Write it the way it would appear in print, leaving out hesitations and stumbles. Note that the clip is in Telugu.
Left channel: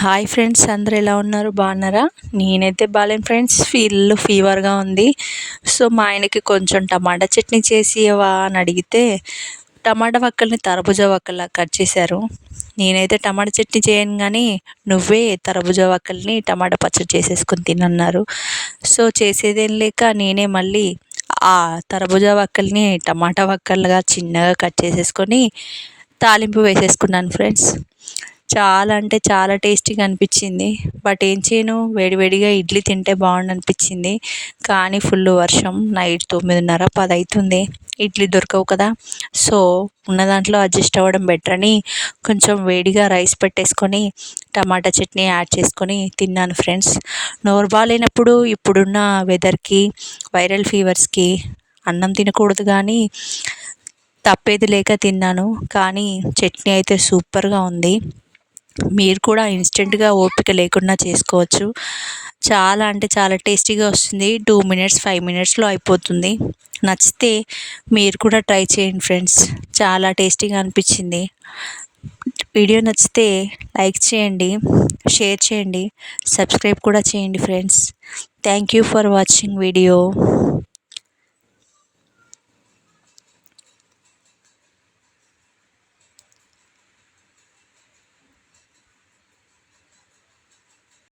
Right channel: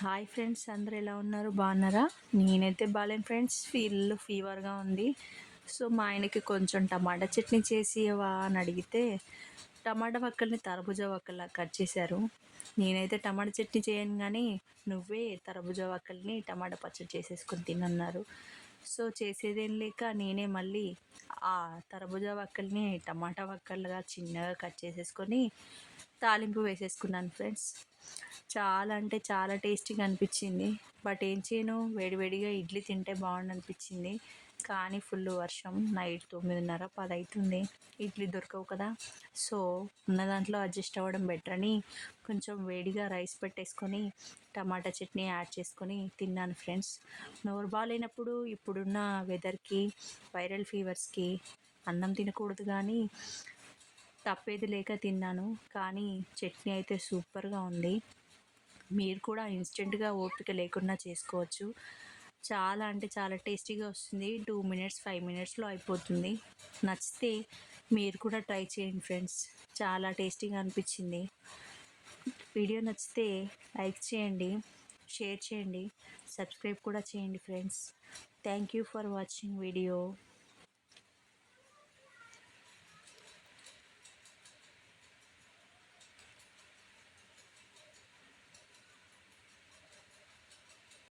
హాయ్ ఫ్రెండ్స్, అందరూ ఎలా ఉన్నారు? బాగున్నారా? నేనైతే బాలేను ఫ్రెండ్స్, ఫీవర్గా ఉంది. సో మా ఆయనకి కొంచెం టమాటా చట్నీ చేసి ఇవ్వవా అని అడిగితే టమాటా వక్కల్ని తర్బూజా వక్కల్లా కట్ చేశారు. నేనైతే టమాటా చట్నీ చేయను కానీ నువ్వే తర్బూజా వక్కల్ని టమాటా పచ్చడి చేసేసుకొని తినన్నారు. సో చేసేదేం లేక నేనే మళ్ళీ ఆ తర్బూజా వక్కల్ని టమాటా వక్కలుగా చిన్నగా కట్ చేసేసుకొని తాలింపు వేసేసుకున్నాను ఫ్రెండ్స్. చాలా అంటే చాలా టేస్టీగా అనిపించింది. బట్ ఏం చేయను, వేడివేడిగా ఇడ్లీ తింటే బాగుండు అనిపించింది. కానీ ఫుల్ వర్షం, నైట్ 9:30 10 అవుతుంది. ఇడ్లీ దొరకవు కదా. సో ఉన్న దాంట్లో అడ్జస్ట్ అవ్వడం బెటర్ అని కొంచెం వేడిగా రైస్ పెట్టేసుకొని టమాటా చట్నీ యాడ్ చేసుకొని తిన్నాను ఫ్రెండ్స్. నోరు బాగాలేనప్పుడు ఇప్పుడున్న వెదర్కి, వైరల్ ఫీవర్స్కి అన్నం తినకూడదు కానీ తప్పేది లేక తిన్నాను. కానీ చట్నీ అయితే సూపర్గా ఉంది. మీరు కూడా ఇన్స్టెంట్గా ఓపిక లేకుండా చేసుకోవచ్చు. చాలా అంటే చాలా టేస్టీగా వస్తుంది. 2 మినిట్స్ 5 మినిట్స్లో అయిపోతుంది. నచ్చితే మీరు కూడా ట్రై చేయండి ఫ్రెండ్స్, చాలా టేస్టీగా అనిపించింది. వీడియో నచ్చితే లైక్ చేయండి, షేర్ చేయండి, సబ్స్క్రైబ్ కూడా చేయండి friends. Thank you for watching video.